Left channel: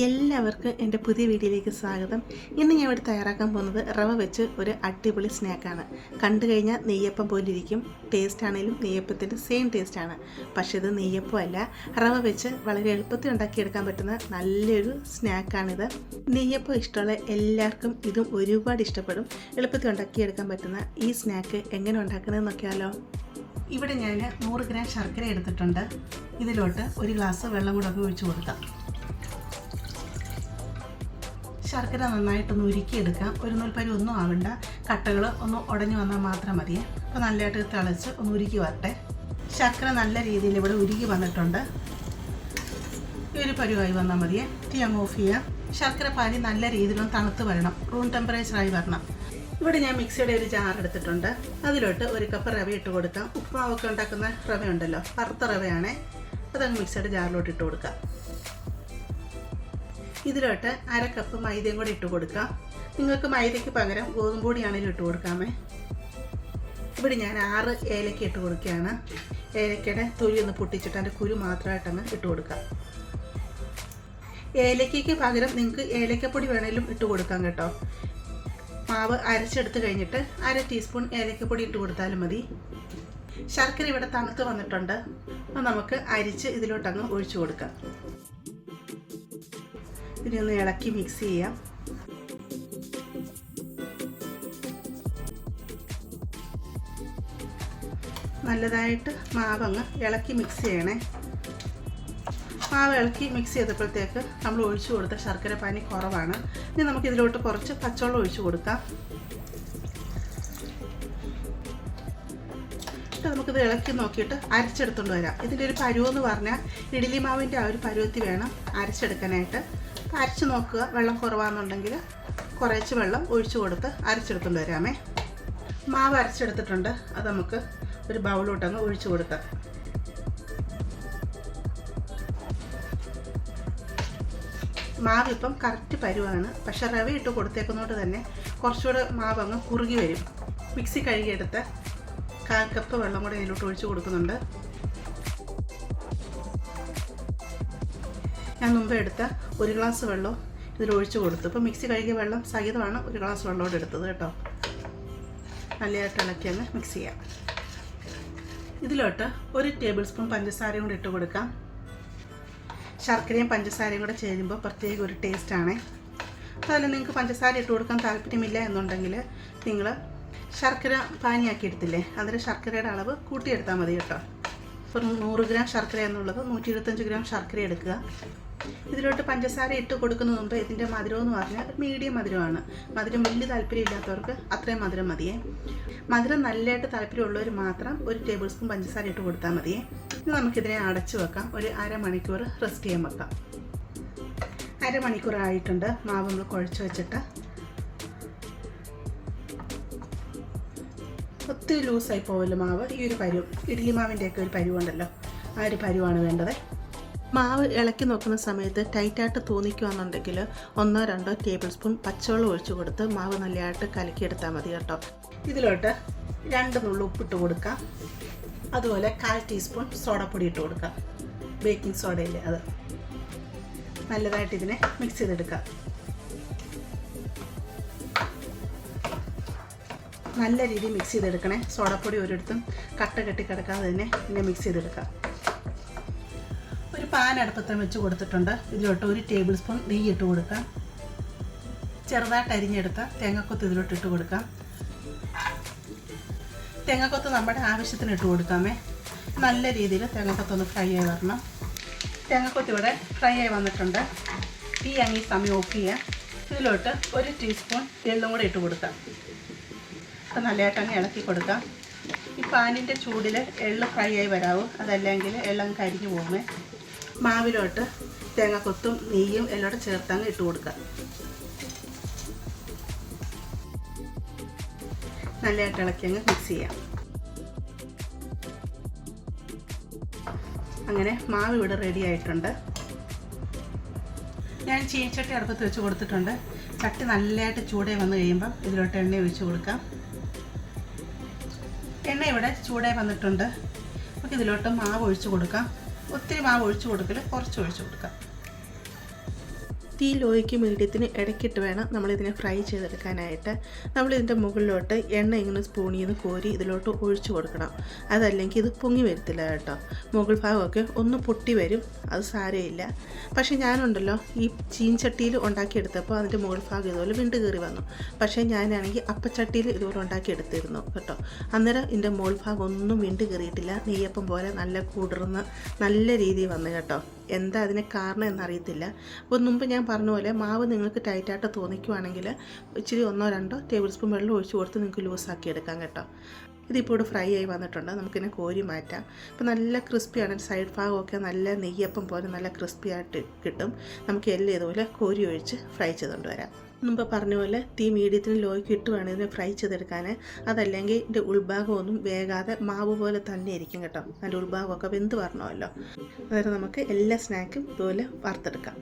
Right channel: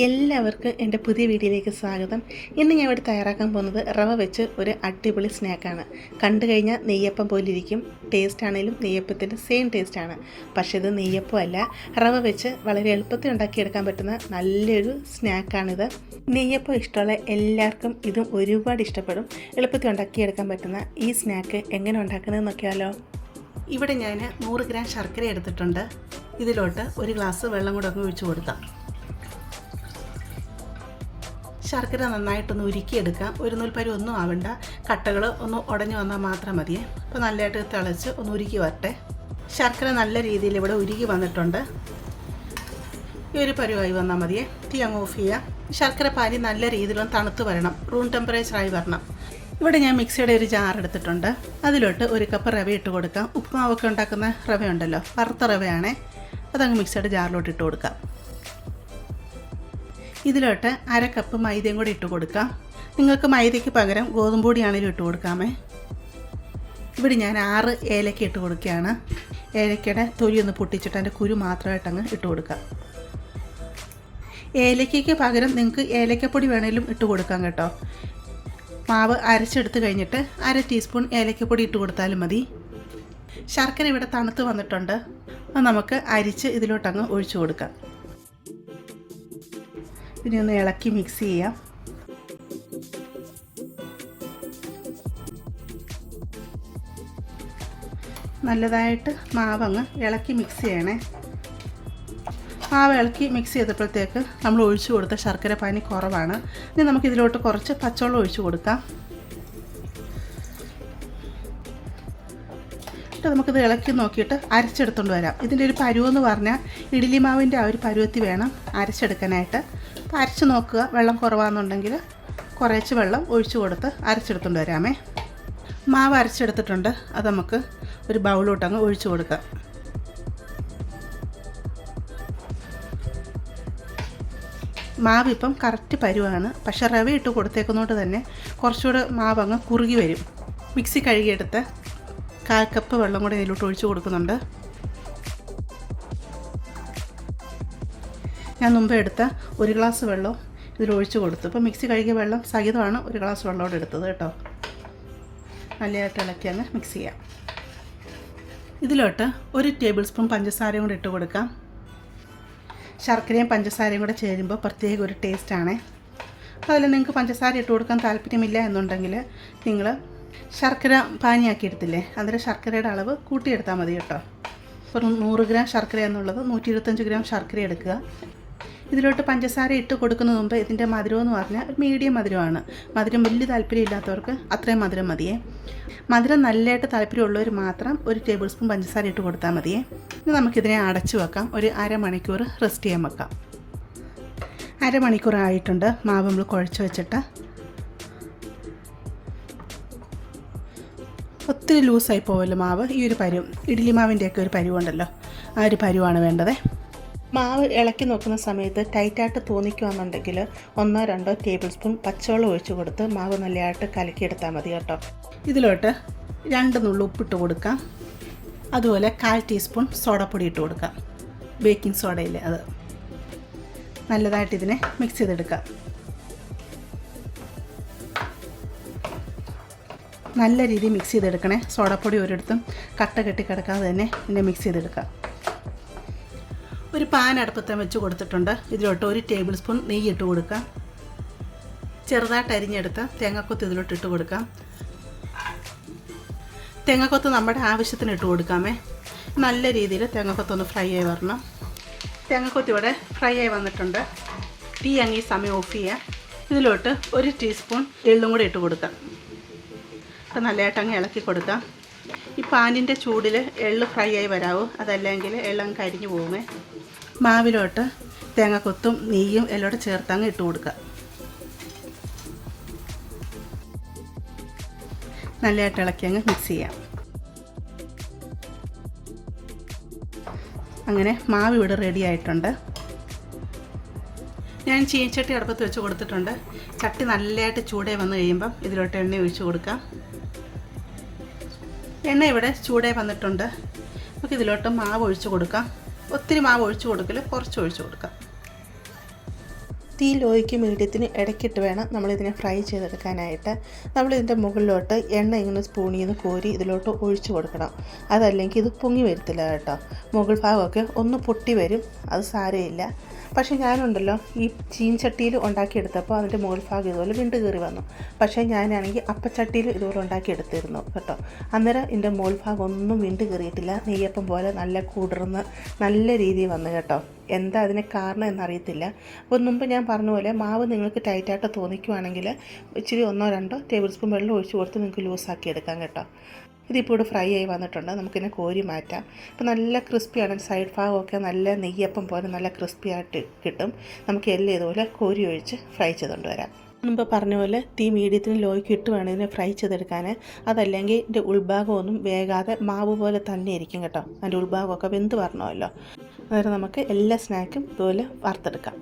എല്ലാവർക്കും എൻ്റെ പുതിയ വീഡിയോയിലേക്ക് സ്വാഗതം. ഇന്ന് ഞാൻ ഇവിടെ തയ്യാറാക്കാൻ പോകുന്നത് റവ വെച്ച് ഒരു അടിപൊളി സ്നാക്കാണ്. കണ്ടു കഴിഞ്ഞാൽ നെയ്യപ്പം പോലിരിക്കും. ടേസ്റ്റ് ആണെങ്കിലും നെയ്യപ്പത്തിൻ്റെ സെയിം ടേസ്റ്റാണ്. പക്ഷേ ഇത് നെയ്യപ്പമല്ല, റവ വെച്ച് വളരെ എളുപ്പത്തിൽ ഉണ്ടാക്കിയെടുക്കാൻ പറ്റുന്ന നല്ലൊരു സ്നാക്കാണിത്. നെയ്യപ്പം ഇഷ്ടമുള്ള എല്ലാവർക്കും ഇതും ഒരുപാട് ഇഷ്ടപ്പെടും. എളുപ്പത്തിൽ ഉണ്ടാക്കിയെടുക്കാൻ പറ്റുന്ന ഈ സ്നാക്ക് എങ്ങനെ ഉണ്ടാക്കുന്നത് നോക്കിയാലോ. ഇവിടെ ഞാൻ 100 ഗ്രാം ശർക്കര എടുത്തിട്ടുണ്ട്. ഇതിലോട്ട് ഒരു ഗ്ലാസ് വെള്ളം കൂടെ ഒക്കെ ഒഴിച്ച് കൊടുക്കാം. ശർക്കര നന്നായിട്ടൊന്ന് ഉരുക്കിയെടുക്കാം. ഒരു നൂൽപ്പരി ഒന്നും ആവണ്ട, കട്ടകൾ ഒന്ന് ഉടഞ്ഞു വന്നാൽ മാത്രം മതിയേ. അപ്പോൾ നല്ലതായിട്ട് തിളച്ച് ഒന്ന് ഉരുക്കി വരട്ടെ. ശർക്കര നല്ല രീതിയിൽ ഇവിടെ ഉരുക്കി വന്നിട്ടുണ്ട്. ഈ ഒരു പരുവായി വന്നാൽ മതിയേ. തീ അങ്ങ് ഓഫ് ചെയ്യാം. ശർക്കര പാനി നല്ല രീതിയിലൊന്ന് തണുത്ത് വരണം, റൂം ടെമ്പറേച്ചറായി വരണം. ഇവിടെ ഞാൻ മിക്സിയുടെ ഒരു ജാർ എടുത്തിട്ടുണ്ട്. അതിലോട്ട് ഒരു കപ്പ് റവ ഇട്ട് കൊടുക്കാം. ഉപ്പുമാവൊക്കെ ഉണ്ടാക്കുന്ന റവ ഉണ്ടല്ലോ, വറുത്ത റവയാണേ. അതങ്ങ് മിക്സിയുടെ ജാറിലോട്ട് ഇട്ട് കൊടുക്കാം. ഇതിലോട്ട് 1/2 കപ്പ് മൈദയും കൂടി ഇട്ട് കൊടുക്കാം. നിങ്ങൾക്ക് മൈദയ്ക്ക് പകരം ഗോതമ്പ് പൊടിയാണെങ്കിലും ഇട്ട് കൊടുക്കാമേ. ഇവിടെ ഞാൻ 6 ഏലക്ക ഇട്ട് കൊടുക്കുകയാണ്. ഏലക്കയുടെ തൊലി ഒന്ന് പൊട്ടിച്ചിട്ട് അതിൻ്റെ കുരു മാത്രമായിട്ടങ്ങ് ഇട്ട് കൊടുക്കാം. ഏലക്കയ്ക്ക് പകരം നിങ്ങൾക്ക് ഏലക്കപ്പൊടി വേണമെങ്കിലും ഇട്ട് കൊടുക്കാം കേട്ടോ. മാവ് അരച്ചെടുത്ത് കഴിഞ്ഞിട്ട് 1/2 ടീസ്പൂൺ ഏലക്കപ്പൊടി ഇട്ട് കൊടുത്താലും മതി. ശർക്കര ഇവിടെ തണുത്ത് വന്നിട്ടുണ്ട്. അത് നമുക്ക് അരിച്ച് ഇതിലോട്ടങ്ങ് ഒഴിച്ചു കൊടുക്കാം. ഇതിനെ ഒന്ന് ഇളക്കി മിക്സ് ചെയ്യാം. നല്ലതായിട്ട് മാവങ്ങ് ഇളക്കി മിക്സ് ചെയ്യണേ. മാവ് ഇളക്കി മിക്സ് ചെയ്തപ്പോഴത്തേക്ക് നമ്മൾ ഒഴിച്ചു കൊടുത്ത ശർക്കര പാനി കുറവാണ്. ഇനി നമുക്കിതിലോട്ട് കുറച്ച് പച്ചവെള്ളം ഒഴിച്ചു കൊടുക്കാം. നമുക്കിത് ഇളക്കി നോക്കിയിട്ട് അരച്ചെടുത്തുകൊണ്ട് വരാം. ഇതിൻ്റെ ഒരു പരുവെന്ന് പറഞ്ഞാൽ ഇഡ്ഡലി മാവിൻ്റെ ആ ഒരു പരുവത്തിൽ വേണം അരച്ചെടുക്കാനായിട്ട്. അപ്പോൾ അരച്ച് നോക്കുക, വെള്ളം കുറവാണെന്നുണ്ടെങ്കിൽ കുറച്ച് വെള്ളം ഒഴിച്ചു കൊടുത്ത് അരച്ചെടുത്തുകൊണ്ട് വരാമേ. മാവ് അരച്ചെടുത്തിട്ടുണ്ട്. അത് നമുക്ക് ഒരു ബൗളിലോട്ടങ്ങ് ഒഴിച്ചു കൊടുക്കാം. മാവ് ഇപ്പം കറക്റ്റ് പരുവാണ്. പക്ഷേ റവ ഇട്ട് കൊടുത്തേക്കുന്നതുകൊണ്ട് തന്നെ കുറച്ചുകൂടെ മാവങ്ങ് കുറുകി വരും. മിക്സി കഴുകിയെടുത്ത് 1/4 കപ്പ് വെള്ളം കൂടെ ഇതിലോട്ട് ഒഴിച്ചു കൊടുക്കുന്നുണ്ട്. ഞാൻ മുമ്പ് എടുത്ത 1 ഗ്ലാസ് വെള്ളം ഇതിലൊഴിച്ച് കൊടുത്തു. ഇപ്പോൾ മിക്സി കഴുകിയ വെള്ളം സഹിതമാണ് 1 ഗ്ലാസ് വെള്ളമോടെ എടുത്തത് കേട്ടോ. നല്ലതായിട്ട് ഇളക്കി അങ്ങ് മിക്സ് ചെയ്യാം. ഇതിലോട്ട് 1 ടേബിൾ സ്പൂൺ പഞ്ചസാരയും കൂടെ ഇട്ട് കൊടുക്കാം. ശർക്കരയും പഞ്ചസാരയും കൂടെ ചേരുമ്പോൾ പ്രത്യേക ഒരു ടേസ്റ്റാണേ. അതുപോലെ നിങ്ങൾക്ക് പഞ്ചസാര ഇട്ട് കൊടുക്കാൻ താല്പര്യമില്ല എന്നുണ്ടെങ്കിൽ നിങ്ങൾ ശർക്കര പാനിയാക്കി എടുത്തില്ലേ, അതിൽ ശർക്കരയുടെ അളവ് കൂട്ടിയെടുത്താൽ മതി കേട്ടോ. ഒരു 100 ഗ്രാം ശർക്കര എന്നുള്ളത് 125 ഗ്രാം ശർക്കര എടുക്കുക. ഇതിലോട്ട് പഞ്ചസാര ഇട്ട് കൊടുക്കുന്നതിന് മുമ്പ് ഇതിൻ്റെ മധുരം എന്ന് പറഞ്ഞാൽ മീഡിയം മധുരമാണ്. മധുരം വലിയ താല്പര്യമില്ലാത്തവർക്ക് അത്രയും മധുരം മതിയേ. മധുരം നല്ലതായിട്ട് താല്പര്യമുള്ളവർ മാത്രം 1 ടേബിൾ സ്പൂൺ പഞ്ചസാര ഇട്ട് കൊടുത്താൽ മതിയേ. ഇനി നമുക്കിതിനെ അടച്ചു വെക്കാം. ഒരു 1/2 മണിക്കൂർ റെസ്റ്റ് ചെയ്യാൻ വെക്കാം. 1/2 മണിക്കൂർ ആയിട്ടുണ്ട്. മാവ് നമ്മൾ കുഴച്ച് വെച്ചിട്ട്. ഒത്തിരി ലൂസായി പോവല്ലോ മാവ്. ഈ ഒരു പരുവം, ഇഡ്ഡലി മാവിൻ്റെയൊക്കെ ഒരു പരുവുണ്ടല്ലോ, ആ ഒരു പരുവാണ് വേണ്ടത്. മാവ് ഇളക്കി നോക്കുന്ന സമയത്ത് ടൈറ്റായിട്ട് തോന്നിക്കുകയാണെന്നുണ്ടെങ്കിൽ 1-2 ടേബിൾ സ്പൂൺ പച്ചവെള്ളം ഒഴിച്ച് കൊടുത്ത് മാവ് നല്ലതായിട്ട് കലക്കിയെടുത്താൽ മതി കേട്ടോ. ഇതിലോട്ട് 2 നുള്ളു ഉപ്പിട്ട് കൊടുക്കാം. അതുപോലെ 1/4 ടീസ്പൂൺ സോഡാപ്പൊടി ഇട്ട് കൊടുക്കാം. ബേക്കിംഗ് സോഡയില്ലേ, അത്. നല്ലതായിട്ട് ഇതിനെ മിക്സ് ചെയ്തെടുക്കാം. നല്ല രീതിയിൽ മിക്സ് ചെയ്തെടുക്കണേ. സോഡാപ്പൊടി ഒരിടത്തും കട്ട കെട്ടി കിടക്കാതെ തന്നെ ഇതിനെ മിക്സ് ചെയ്തെടുക്കാം. ഒരു പാൻ അടുപ്പത്ത് വെച്ച് കൊടുത്തിട്ടുണ്ട്. ഇതിലോട്ട് 1 ടേബിൾ സ്പൂൺ നെയ്യ് ഇട്ട് കൊടുക്കാം. ചെറുതായിട്ട് അരിഞ്ഞെടുത്ത തേങ്ങാക്കൊത്ത് ഇതിലോട്ട് ഇട്ട് കൊടുക്കാം. തേങ്ങാക്കൊത്ത് നമ്മുടെ ആവശ്യത്തിന് ഇട്ട് കൊടുക്കാമേ. നല്ല രീതിയിൽ തേങ്ങാക്കൊത്തൊന്ന് ഫ്രൈ ആയി വരണം. തേങ്ങാക്കൊത്ത് ഇവിടെ ഫ്രൈ ആയി വന്നിട്ടുണ്ട്. തീ അങ്ങ് ഈ സമയം ഓഫ് ചെയ്യുക. ഇതിലോട്ട് 1 ടീസ്പൂൺ എള്ളും കൂടെ ഇട്ട് കൊടുക്കാം. അപ്പോൾ നല്ലതായിട്ട് അങ്ങ് ഇളക്കി കൊടുക്കാം. ഈ പാനിൻ്റെ ചൂടിൽ എള്ള് ഫ്രൈ ആയി വരാവും, അതല്ലെങ്കിൽ എള്ളങ്ങ് കരിഞ്ഞു പോകുമേ. മാവിലോട്ട് തേങ്ങാക്കൊത്തും നെയ്യും എല്ലാം ചേർത്തങ്ങ് ഇട്ട് കൊടുക്കുക. നല്ലതായിട്ട് ഇളക്കി അങ്ങ് മിക്സ് ചെയ്യാം. അങ്ങനെ മാവ് ഇവിടെ റെഡി ആയിട്ടുണ്ട്. ഞാൻ ചീനച്ചട്ടി അടുപ്പത്ത് വെച്ച് കൊടുത്തിട്ടുണ്ട്. ചട്ടി നല്ലതായിട്ട് ചൂടായി വന്നു കഴിയുമ്പം ഇതിലോട്ട് എണ്ണ ഒഴിച്ച് കൊടുക്കാം. എണ്ണ ഇവിടെ ചൂടായി വന്നിട്ടുണ്ട്. നമുക്ക് ഇതിലോട്ട് മാവ് ഒഴിച്ച് കൊടുക്കാം. ഒത്തിരി മാവ് ഒഴിച്ച് കൊടുക്കില്ല, കുറച്ച് ഒഴിച്ച് കൊടുക്കാം. തീ ലോയ്ക്ക് മീഡിയത്തിന് ഇടയ്ക്കിട്ട് വേണം നമ്മളിതിനെ ഫ്രൈ ചെയ്തെടുക്കാനായിട്ട്. നമ്മളിതിൻ്റെ മുകളിലോട്ട് എണ്ണ ഇങ്ങനെ സ്പൂണിൽ നിന്ന് കോരി ഇതിലോട്ട് ഒഴിച്ചു കൊടുക്കണം. അതല്ലെങ്കിൽ ഇത് പൊങ്ങി വരത്തില്ല കേട്ടോ. മുകൾ ഭാഗമൊക്കെ ഒന്ന് പൊട്ടി വരും, അത് സാരമില്ല. പക്ഷേ ഞാനുണ്ടല്ലോ ഈ ചീൻചട്ടിയിൽ ഉണ്ടാക്കിയെടുത്തപ്പോൾ അതിൻ്റെ മുകൾ ഭാഗം ഇതുപോലെ വിണ്ട് കയറി വന്നു. പക്ഷേ ഞാനാണെങ്കിൽ അപ്പച്ചട്ടിയിൽ ഇതുപോലെ ഉണ്ടാക്കിയെടുത്തിരുന്നു കേട്ടോ. അന്നേരം ഇതിൻ്റെ മുകൾ ഭാഗം ഒന്നും വിണ്ട് കയറിയിട്ടില്ല, നെയ്യപ്പം പോലെ നല്ല കുതിർന്ന് നല്ല രീതിയിൽ വന്നു കേട്ടോ. എന്താ അതിന് കാരണം എന്നറിയത്തില്ല. അപ്പോൾ മുമ്പ് ഞാൻ പറഞ്ഞ പോലെ മാവ് നിങ്ങൾക്ക് ടൈറ്റായിട്ട് തോന്നിക്കുവാണെങ്കിൽ ഇച്ചിരി 1-2 ടേബിൾ സ്പൂൺ വെള്ളം ഒഴിച്ച് കൊടുത്ത് നിങ്ങൾക്ക് ലൂസാക്കി എടുക്കാം കേട്ടോ. ഇതിപ്പോൾ ഇവിടെ ഫ്രൈ ആയി വന്നിട്ടുണ്ട്, നമുക്കിതിനെ കോരി മാറ്റാം. ഇപ്പോൾ നല്ല ക്രിസ്പിയാണ്, സൈഡ് ഭാഗമൊക്കെ നല്ല നെയ്യപ്പം പോലെ നല്ല ക്രിസ്പി ആയിട്ട് കിട്ടും. നമുക്ക് എല്ലാം ഇതുപോലെ കോരി ഒഴിച്ച് ഫ്രൈ ചെയ്തുകൊണ്ട് വരാം. മുമ്പ് പറഞ്ഞ പോലെ തീ മീഡിയത്തിന് ലോയ്ക്ക് ഇട്ട് വേണം ഇതിനെ ഫ്രൈ ചെയ്തെടുക്കാൻ. അതല്ലെങ്കിൽ ഇതിൻ്റെ ഉൾഭാഗമൊന്നും വേകാതെ മാവ് പോലെ തന്നെ ഇരിക്കും കേട്ടോ. അതിൻ്റെ ഉൾഭാഗമൊക്കെ വെന്ത് വരണമല്ലോ. അന്നേരം നമുക്ക് എല്ലാ സ്നാക്കും ഇതുപോലെ വറുത്തെടുക്കാം.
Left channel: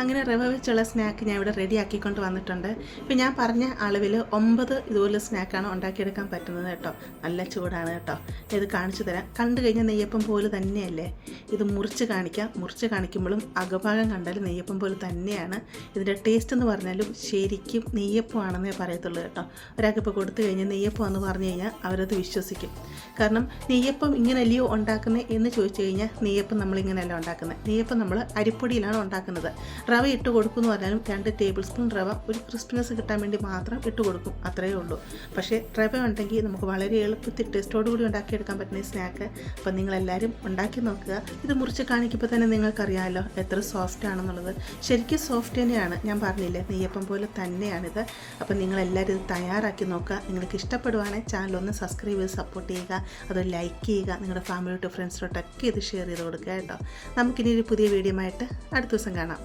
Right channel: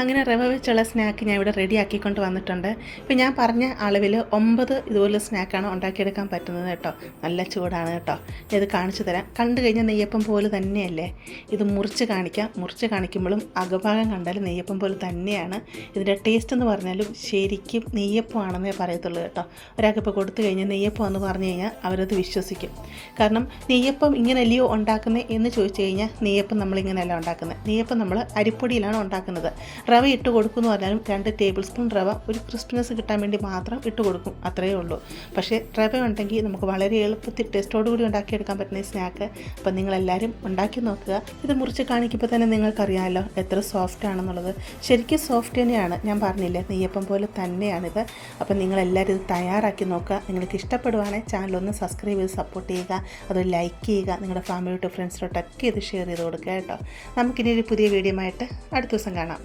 അങ്ങനെ റവ വെച്ചുള്ള സ്നാക്ക് ഞാൻ ഇവിടെ റെഡി ആക്കിക്കൊണ്ട് വന്നിട്ടുണ്ട്. ഇപ്പോൾ ഞാൻ പറഞ്ഞ അളവിൽ 9 ഇതുപോലെ സ്നാക്കാണ് ഉണ്ടാക്കിയെടുക്കാൻ പറ്റുന്നത് കേട്ടോ. നല്ല ചൂടാണ് കേട്ടോ. ഇത് കാണിച്ചു തരാം. കണ്ടു കഴിഞ്ഞാൽ നെയ്യപ്പം പോലെ തന്നെയല്ലേ. ഇത് മുറിച്ച് കാണിക്കാം. മുറിച്ച് കാണിക്കുമ്പോഴും അകഭാഗം കണ്ടാലും നെയ്യപ്പം പോലെ തന്നെയാണ്. ഇതിൻ്റെ ടേസ്റ്റ് എന്ന് പറഞ്ഞാലും ശരിക്കും നെയ്യപ്പമാണെന്നേ പറയത്തുള്ളൂ കേട്ടോ. ഒരാൾക്കിപ്പോൾ കൊടുത്തു കഴിഞ്ഞാൽ നെയ്യപ്പം എന്ന് പറഞ്ഞു കഴിഞ്ഞാൽ അവരത് വിശ്വസിക്കും. കാരണം നെയ്യപ്പം ഇങ്ങനെയല്ലയോ ഉണ്ടാക്കുന്നത് എന്ന് ചോദിച്ചു കഴിഞ്ഞാൽ നെയ്യപ്പം നമ്മളിങ്ങനെയല്ല ഉണ്ടാക്കുന്നത്. നെയ്യപ്പം നമ്മൾ അരിപ്പൊടിയിലാണ് ഉണ്ടാക്കുന്നത്. റവ ഇട്ട് കൊടുക്കുമെന്ന് പറഞ്ഞാലും 2 ടേബിൾ സ്പൂൺ റവ ഒരു ക്രിസ്പിനെസ് കിട്ടാൻ വേണ്ടി മാത്രം ഇട്ട് കൊടുക്കും, അത്രയേ ഉള്ളൂ. പക്ഷേ റവ ഉണ്ടെങ്കിൽ നമുക്ക് വളരെ എളുപ്പത്തിൽ ടേസ്റ്റോടുകൂടി ഉണ്ടാക്കിയെടുക്കാൻ പറ്റുന്ന ഈ സ്നാക്ക്. അപ്പോൾ നിങ്ങളെല്ലാവരും ഉണ്ടാക്കി നോക്കുക. ഇത് മുറിച്ച് കാണിക്കുമ്പോൾ തന്നെ നിങ്ങൾക്കറിയാമല്ലോ എത്ര സോഫ്റ്റ് ആണെന്നുള്ളത്. ശരിക്കും സോഫ്റ്റ് തന്നെയാണ്, ഞാൻ പറഞ്ഞില്ലേ നെയ്യപ്പം പോലെ തന്നെയാണിത്. അപ്പോൾ നിങ്ങളെല്ലാവരും ഇത് തയ്യാറാക്കി നോക്കുക. നിങ്ങൾക്ക് ഇഷ്ടപ്പെടുവാണെങ്കിൽ ചാനലൊന്ന് സബ്സ്ക്രൈബ് ചെയ്ത് സപ്പോർട്ട് ചെയ്യുക, അത് ലൈക്ക് ചെയ്യുക, നിങ്ങളുടെ ഫാമിലിയോട്ട് ഫ്രണ്ട്സിലോട്ടൊക്കെ ഇത് ഷെയർ ചെയ്ത് കൊടുക്കുക കേട്ടോ. നമുക്കിനി ഒരു പുതിയ വീഡിയോ ആയിട്ട് അടുത്ത ദിവസം കാണാം.